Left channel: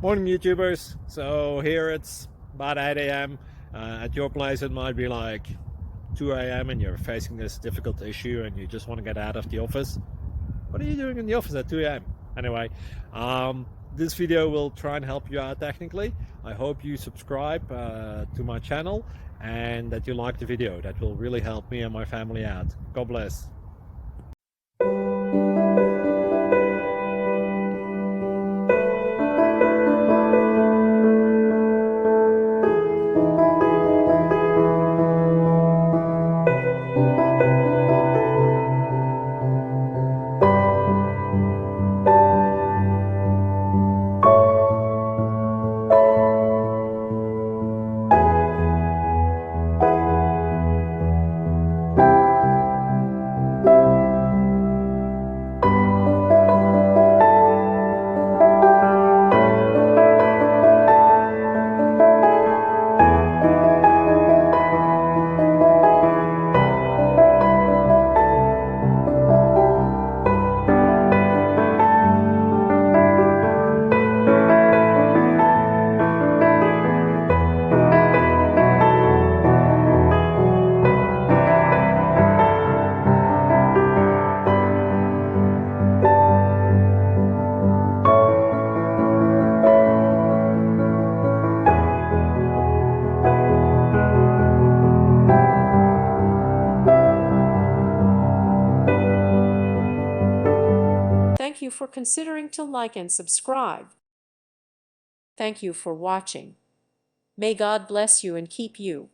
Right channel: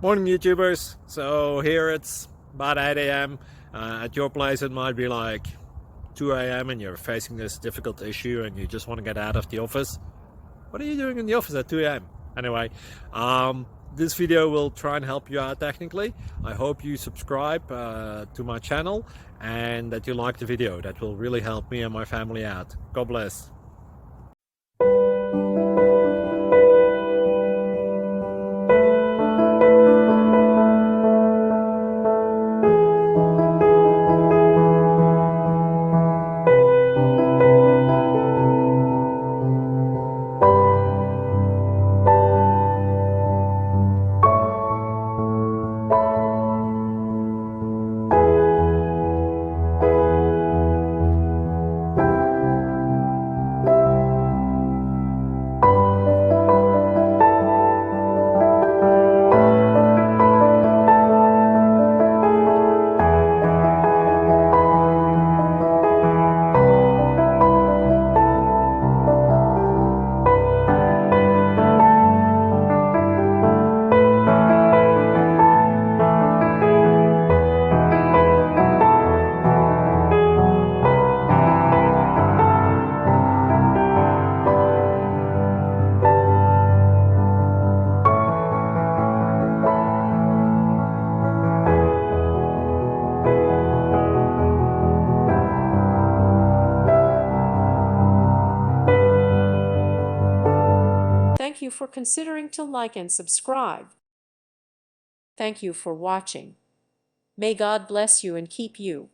Morning, YouTubers. So here it's about 8 a.m. At your place, it might be like 2 a.m. and you're facing this difficult issue and you just want to get out of the office. What are you doing in the office at 2 a.m.? Anyway, this video will try and help you out technically. I hope you subscribe to my channel and that you like the video. That will really help me and my family out. God bless. Thank you for considering to like and subscribe. Thank you for watching. May God bless you and keep you.